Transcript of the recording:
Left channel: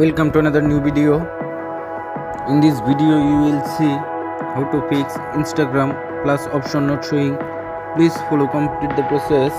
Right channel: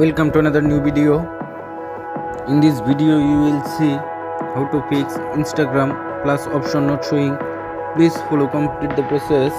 Welcome to another new video. In this video you will see how to fix Instagram plus option not showing. Please follow complete the process.